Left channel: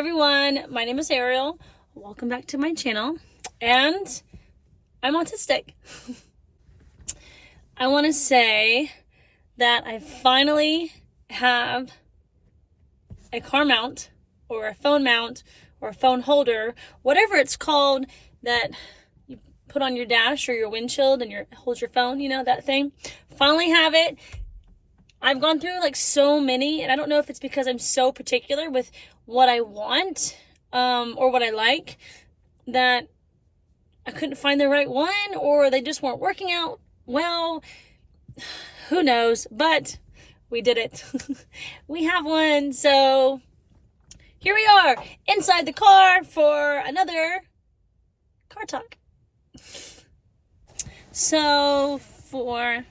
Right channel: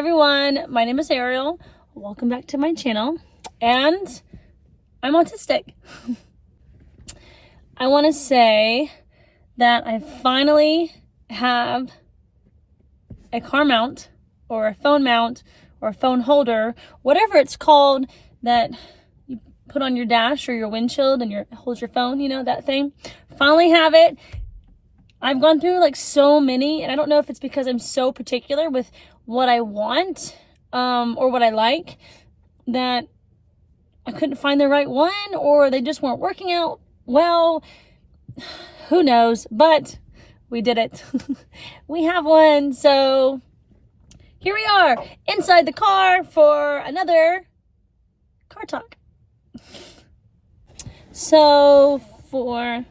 everyone, my name is Ariel. Welcome back to my channel, and I'm autistic. I want to say that I finally have a car mount or a phone mount or a phone holder, whatever it's called, that you put on your dash or your windshield and holds your phone, you know, that thing. Finally have it. I've gone through like so many, and I don't know if it's because I'm so particular with what I want or what I like, that I couldn't find the right one, or they just weren't working out well. Who knows? But we did it. We have one. So here we are inside the car for another car talk. So for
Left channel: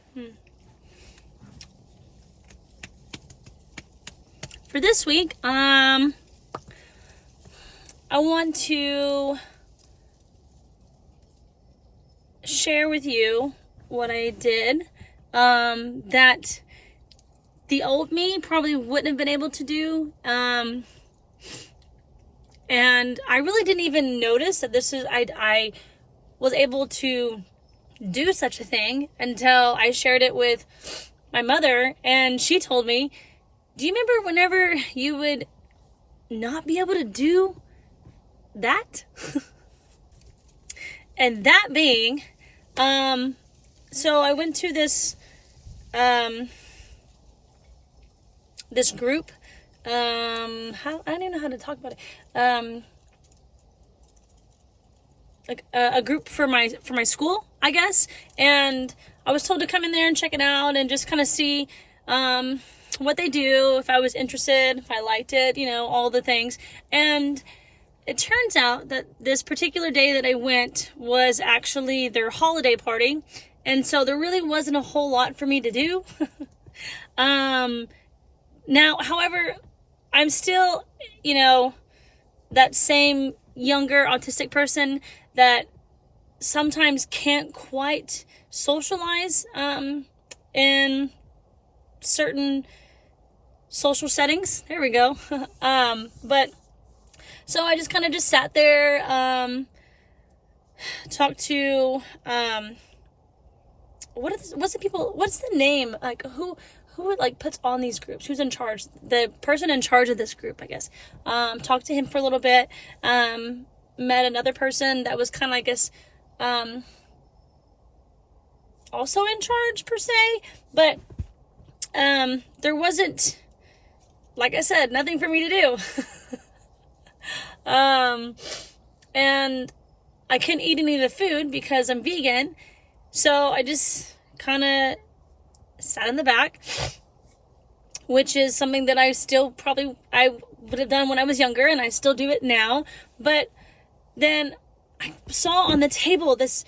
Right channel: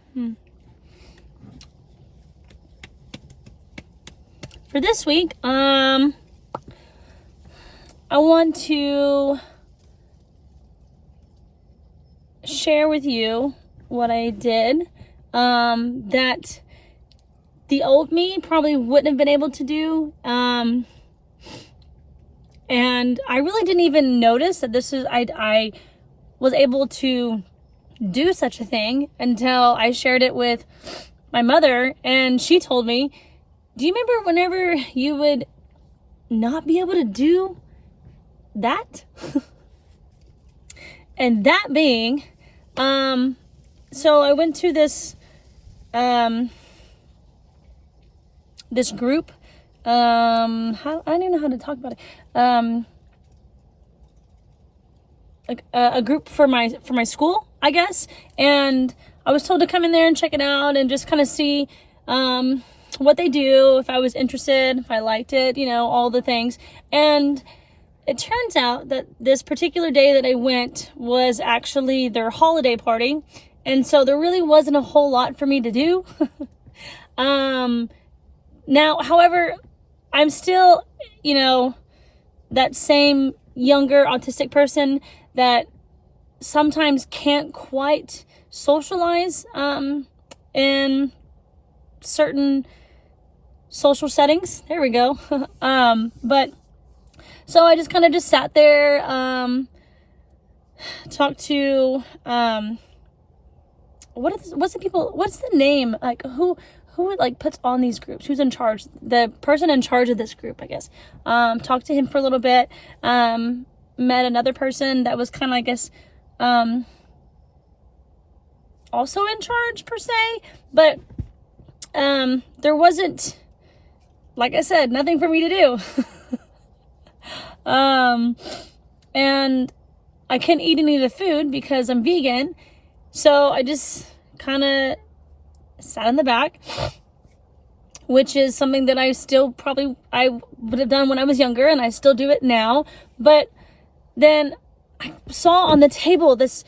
this week, I want to share with you what I did that the old me probably wouldn't have been able to do. And I really didn't even notice that I was able to do such a thing until I shared it with my mother, and she told me, do you remember whenever you would not be able to do that? And that being, so I went to this group, I don't even know how to talk about it, like a group for my school, I guess, and I was told to come in there and check it out and just kind of see what they do, if I was interested, if I liked it, you know, all the things. And it turns out that this particular day that I went was actually their holiday party, and so there really wasn't a whole lot for me to do. Now, however, I'm still, you know, that same younger autistic person that sometimes can't quite socialize in certain social settings. There we go. But so I just kind of sat there, talked to what's the name, like who like puts on these groups, who's in charge, the person in charge of this group, I guess. Talked to him for a little bit, met another person that was kind of, I guess, also in charge per se, but there wasn't, like I said, nothing for me to do. And I couldn't eat any of the food because I'm vegan, so I just kind of sat in the back, which is something that I would have done when I was younger, and I still do it now. But then I saw on the table this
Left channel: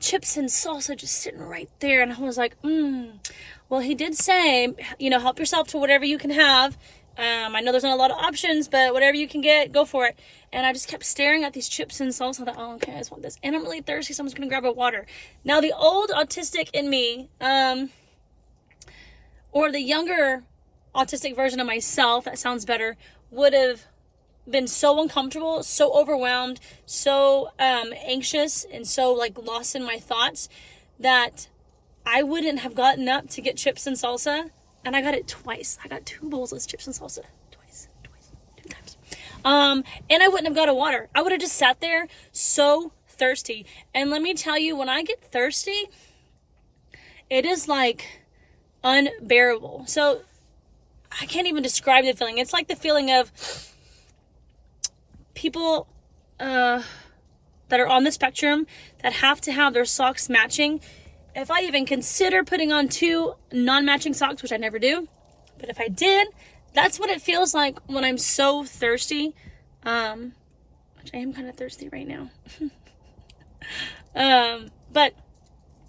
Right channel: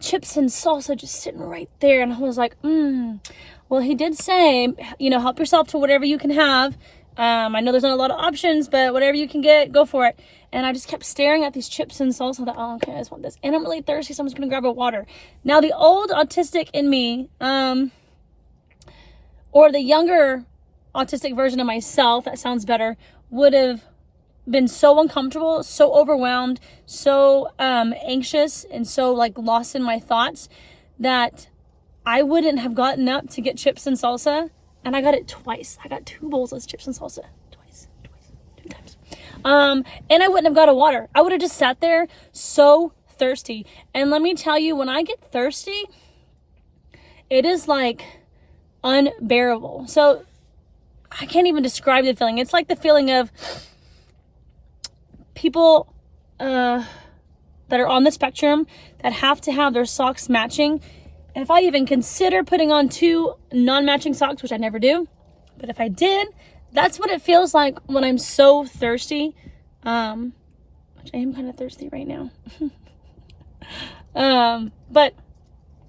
chips and salsa just sitting right there, and I was like, well, he did say, you know, help yourself to whatever you can have. I know there's not a lot of options, but whatever you can get, go for it. And I just kept staring at these chips and salsa. I thought, oh, okay, I just want this. And I'm really thirsty, so I'm just going to grab a water. Now, the old autistic in me, or the younger autistic version of myself, that sounds better, would have been so uncomfortable, so overwhelmed, so anxious, and so like lost in my thoughts that I wouldn't have gotten up to get chips and salsa. And I got it twice. I got 2 bowls of chips and salsa. Twice, 2 times. And I wouldn't have got a water. I would have just sat there so thirsty. And let me tell you, when I get thirsty, it is like unbearable. So I can't even describe the feeling. It's like the feeling of people that are on the spectrum that have to have their socks matching. If I even consider putting on 2 non-matching socks, which I never do, but if I did, that's what it feels like when I'm so thirsty, which I am kind of thirsty right now. But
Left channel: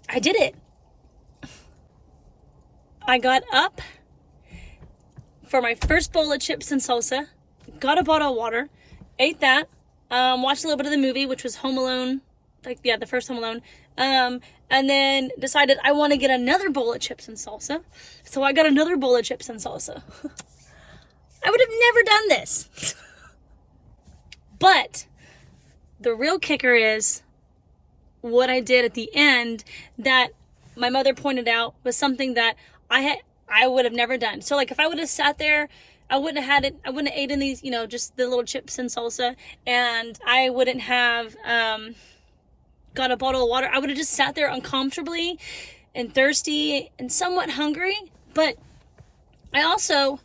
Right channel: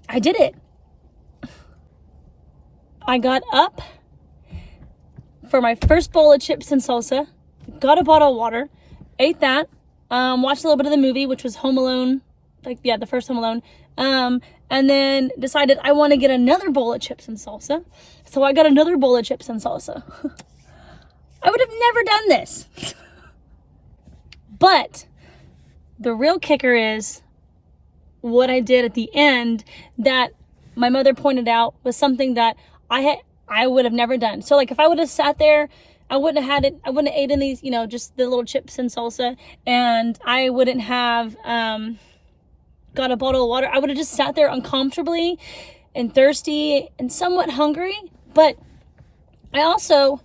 I did it. I got up for my first bowl of chips and salsa, got a bottle of water, ate that, watched a little bit of the movie, which was Home Alone, the first Home Alone, and then decided I want to get another bowl of chips and salsa. So I got another bowl of chips and salsa. I would have never done this. But the real kicker is what I did at the end that my mother pointed out was something that I would have never done. So like if I would have sat there, I wouldn't have eaten these, just the little chips and salsa, and I wouldn't have got a bottle of water. I would have just sat there uncomfortably and thirsty and somewhat hungry. But I also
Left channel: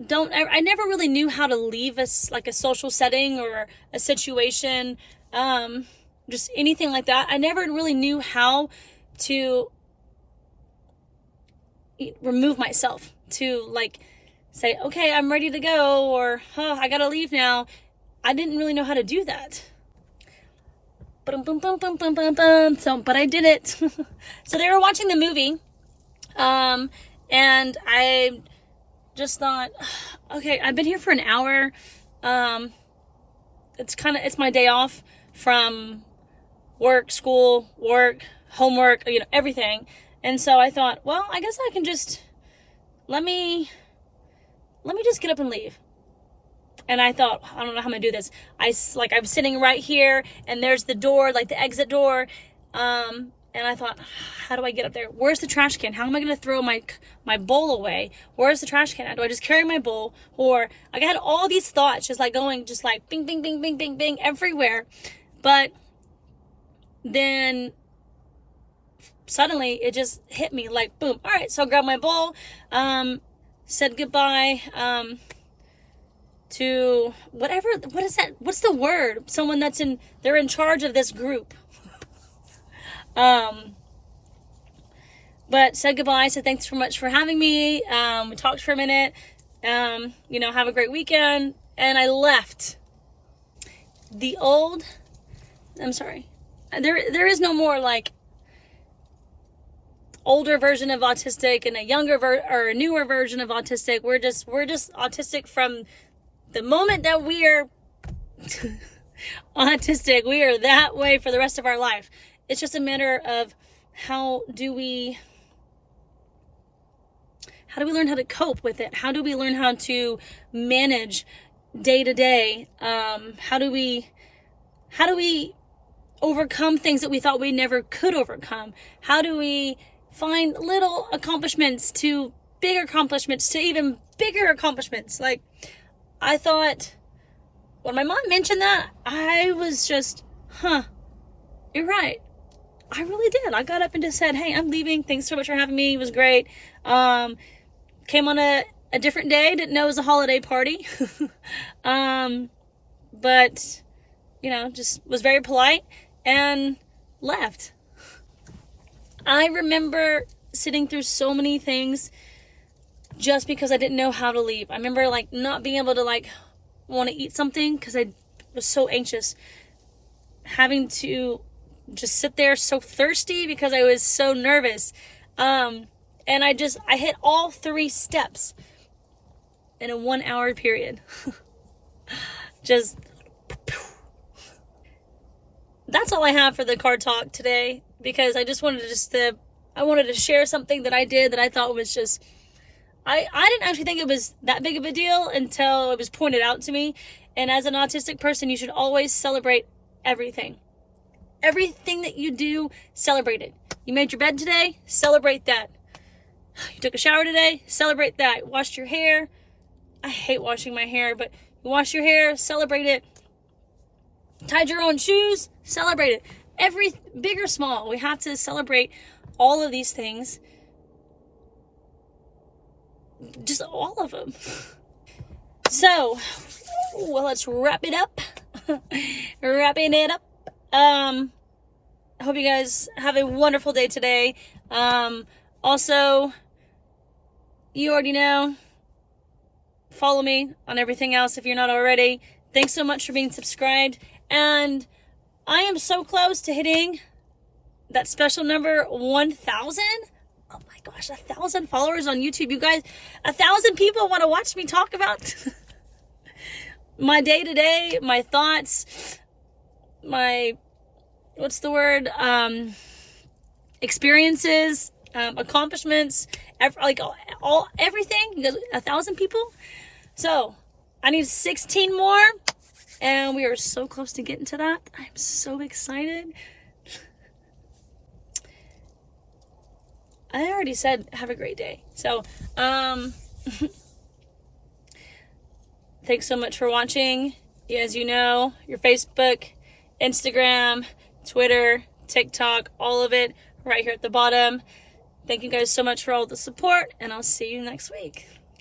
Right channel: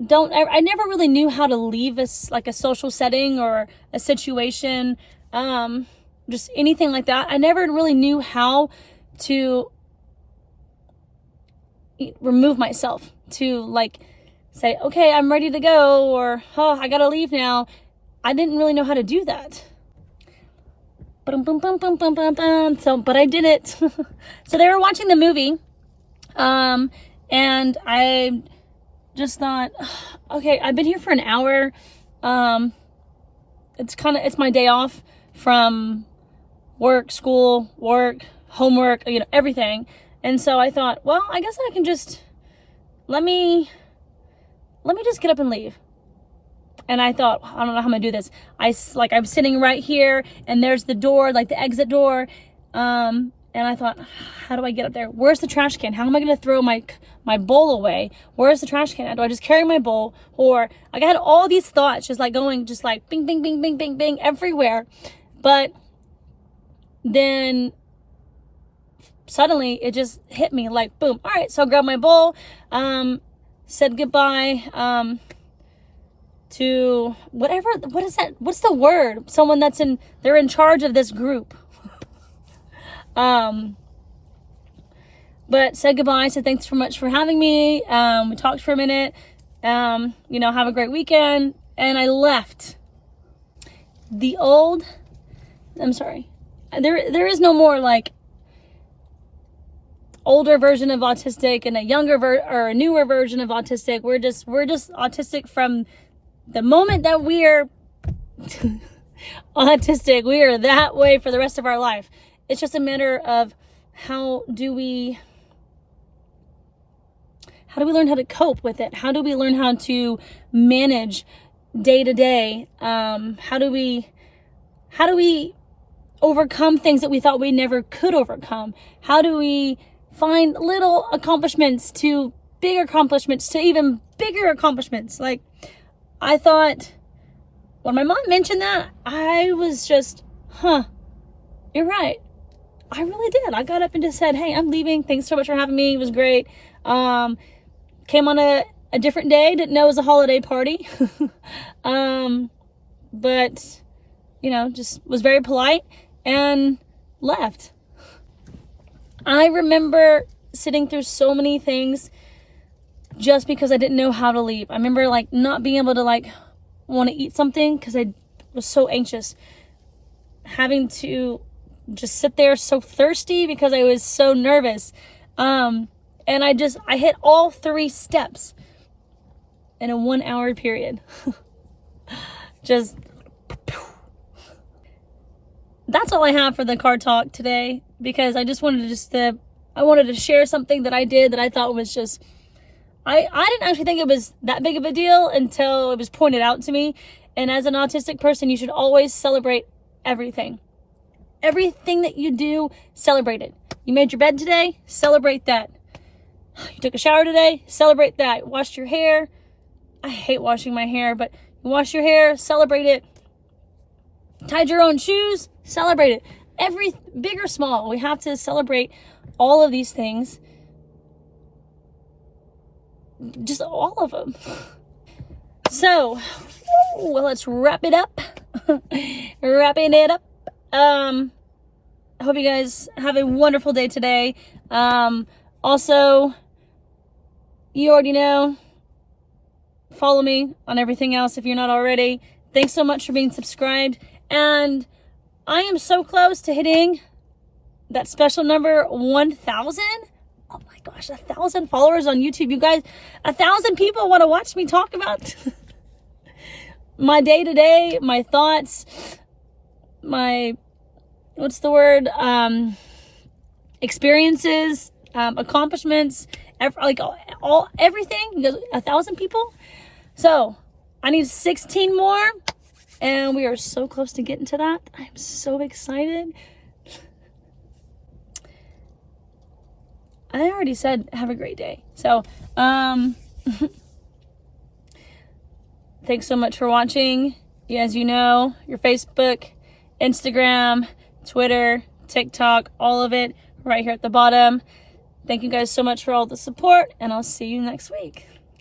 I never really knew how to leave a social setting or a situation, just anything like that. I never really knew how to remove myself, to like say, okay, I'm ready to go, or, oh, I gotta leave now. I didn't really know how to do that. So, but I did it. So they were watching the movie, and I just thought, okay, I've been here for an hour. It's my day off from work, school, homework, everything. And so I thought, well, I guess I can just, let me just get up and leave. And I thought, I don't know how I'm gonna do this. I'm sitting right here, and there's the door, like the exit door. And I thought, how do I get up there? Where's the trash can? How am I gonna throw my bowl away? Where's the trash can? Do I just carry my bowl? Or I had all these thoughts just like bing, bing, bing, bing, bing, bing everywhere. But then suddenly it just hit me like boom. All right, so I grabbed my bowl, said goodbye to what is that? What's the word? Someone they're in charge of this group. But said goodbye, said thanks so much for having me. We talked for a minute, have a great weekend. And I left. I'm sorry. There is no more like older version of Autistic and a younger or a newer version of Autistic. We're just Autistic from the moment that we are Autistic. We are that way for the rest of our life. It's just a matter of how do we learn how to cope with it? How do we learn how to manage day to day? How do we overcome things that we thought we never could overcome? How do we find little accomplishments to bigger accomplishments to even bigger accomplishments? Like, I thought when my mom mentioned that, I was just, you're right. I really did. I got up and just said, hey, I'm leaving. Thanks so much for having me. It was great. Came on a different day. Didn't know it was a holiday party. But, just was very polite and left. I remember sitting through so many things just because I didn't know how to leave. I remember not being able to want to eat something because I was so anxious. Having to just sit there so thirsty because I was so nervous. And I hit all 3 steps in a 1 hour period. Just, that's all I have for the car talk today, because I just wanted I wanted to share something that I did that I thought was just, I didn't actually think it was that big of a deal until it was pointed out to me. And as an autistic person, you should always celebrate everything. Everything that you do, celebrate it. You made your bed today, celebrate that. You took a shower today, celebrate that. Washed your hair. I hate washing my hair, but you wash your hair, celebrate it. Tied your own shoes, celebrate it. Every big or small, we have to celebrate all of these things. Just all of them. So, well, let's wrap it up. Wrapping it up. I hope you guys have a wonderful day today. Also, you already know, follow me on everything else if you're not already. Thanks so much for being subscribed. And I am so close to hitting that special number 1,000. Oh my gosh, 1,000 followers on YouTube. You guys, 1,000 people want to watch me talk about my day-to-day, my thoughts, my, experiences, accomplishments, everything. 1,000 people. So I need 16 more, And we are so close to getting to that. I'm so excited. I already said have a great day. So, thanks so much for watching. As you know, your Facebook, Instagram, Twitter, TikTok, all of it right here at the bottom. Thank you guys so much for all the support, and I'll see you next week.